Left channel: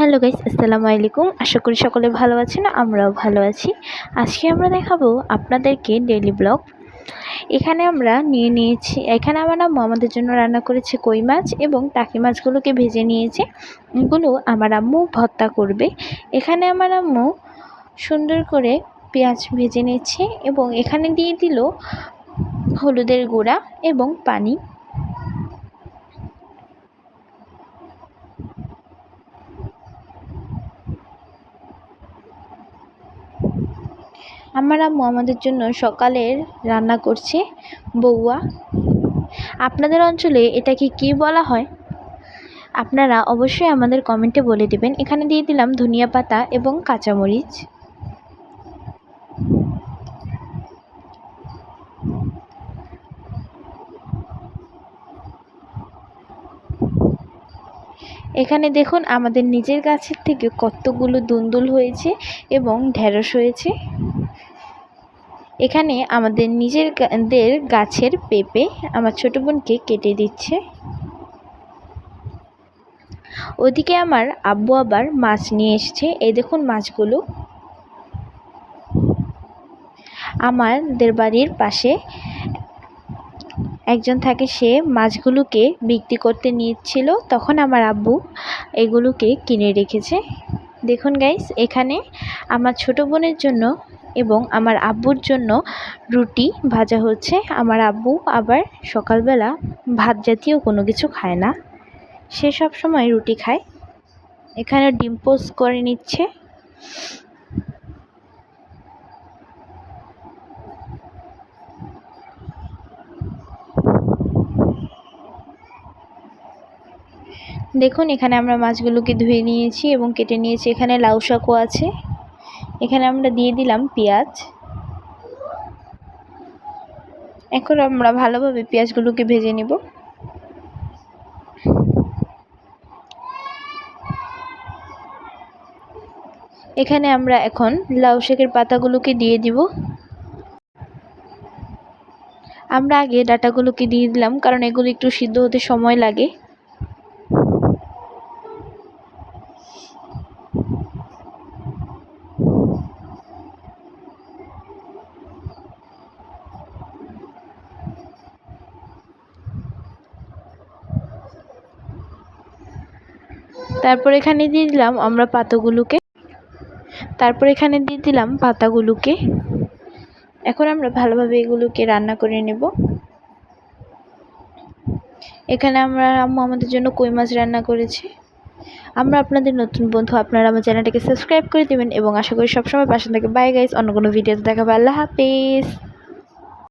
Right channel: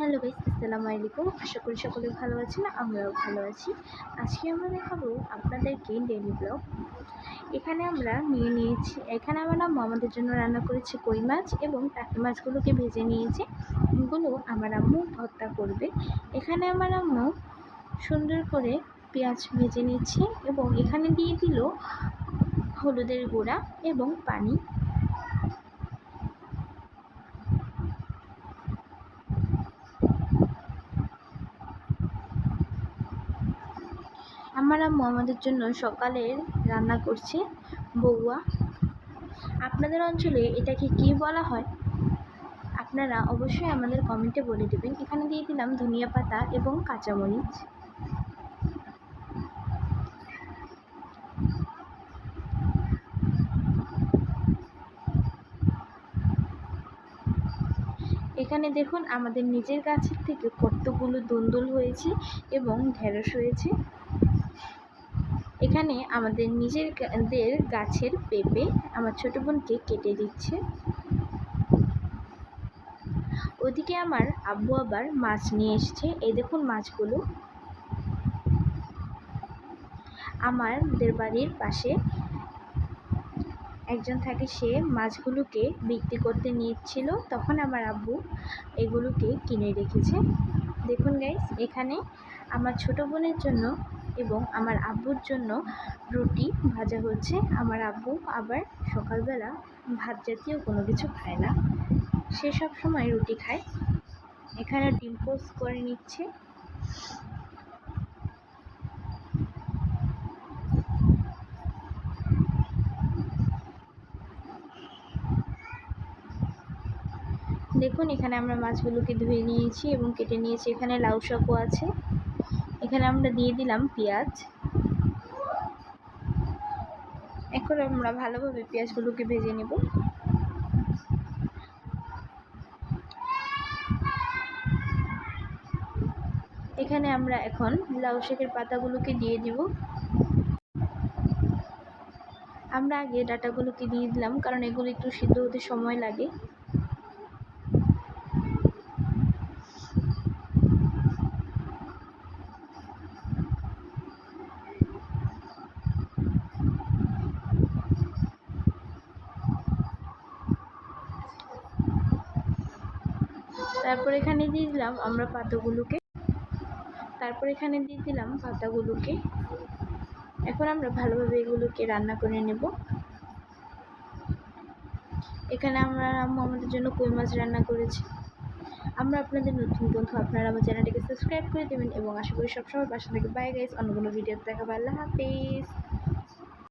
Hello guys, আসসালামু আলাইকুম। আশা করি সকলে ভালো আছেন, আমরাও ভালো আছি। আজকে আমরা দেখাবো আপনাদেরকে ডেলি ব্লগ এখানে আমরা নিয়ে নিয়েছি, এখানে আমার আম্মু আমাদের জন্য রান্না করেছে কই মাছ এবং টাকি মাছগুলোকে ভেজে নিয়েছে। এগুলো আমার আম্মু ভর্তা করবে। এখানে আমার আম্মু সুন্দর করে পেঁয়াজ ভেজে নিয়েছে এবং এখানে দিয়ে দিল হলুদের গুঁড়া এবং পানি। আমার আম্মু আমাদের জন্য সকালের রান্না করছে বউয়া। আপনাদের অঞ্চলে এটাকে কী বলা হয়? আপনারা অবশ্যই আমাদের কমেন্টে বলে দেবেন। এখানে দিয়ে দিলাম ধনিয়া পাতা এবং কাঁচামরিচ। এখানে দেখুন আমাদের নিজের গাছের থেকে কতগুলো দুন্দুল হয়েছে এবং ঢেঁড়স হয়েছে। এখানে আমাদের নিজেরদের গাছের পেঁপে আমার ছোটো বোনকে কেটে দিচ্ছে। ওদিকে আমার আব্বু আবার মাছ নিয়ে এসছে। এই দেখুন মাছগুলো। আমাদের বাড়ির পাশে একজন থাকে, সে মাছগুলোকে বিক্রি করতে নিচ্ছিল তখন আমার আব্বু এগুলোকে কিনে রেখেছে। দেখুন গাইস এখানে আমার ছোট বোনের জন্য এবং আমার আব্বুর জন্য রুটি ভাজা হচ্ছে। আমার আব্বু আবার সকালবেলা ভাত জাতীয় কোনো কিছু খায় না। সে সব সময় রুটি খায়। এখানে ডিম্পোজ করে নিচ্ছে। দেখুন, এখানে আমরা মাছগুলোকে ধুয়ে নিয়েছি এবং কেটে নিয়েছি। এখানে লাউ শাকও আছে। এখানে আমরা দিয়ে দিলাম পেঁয়াজ। এখন আমরা ভালোভাবে পেঁয়াজগুলোকে ভেজে নিব। এখানে আমরা এখন লাউ শাকের পাতাগুলোকে দিয়ে দিব। আমরা আগে ডাটাগুলোকে দিয়ে দিলাম, কারণ এগুলো একটু সিদ্ধ হতে সময় লাগে। তারপর এখানে দিয়ে দিলাম আমরা পাতাগুলোকে। তারপর এখানে দিয়ে দিলাম পাতাগুলোকে। এখন আমরা ভালোভাবে এগুলোকে রান্না করে নেব। এখানে আমরা আম্মু আমাদের জন্য কই মাছ রান্না করেছি। আমরা আপনাদের নতুন বন্ধু, আপনারা আমার চ্যানেলটাকে সাবস্ক্রাইব করে দেবেন এবং আশা করি সবসময় পাশে থাকে বাই গাইস অন্য কোনো ভিডিওতে দেখাবো। আল্লাহ হাফিজ।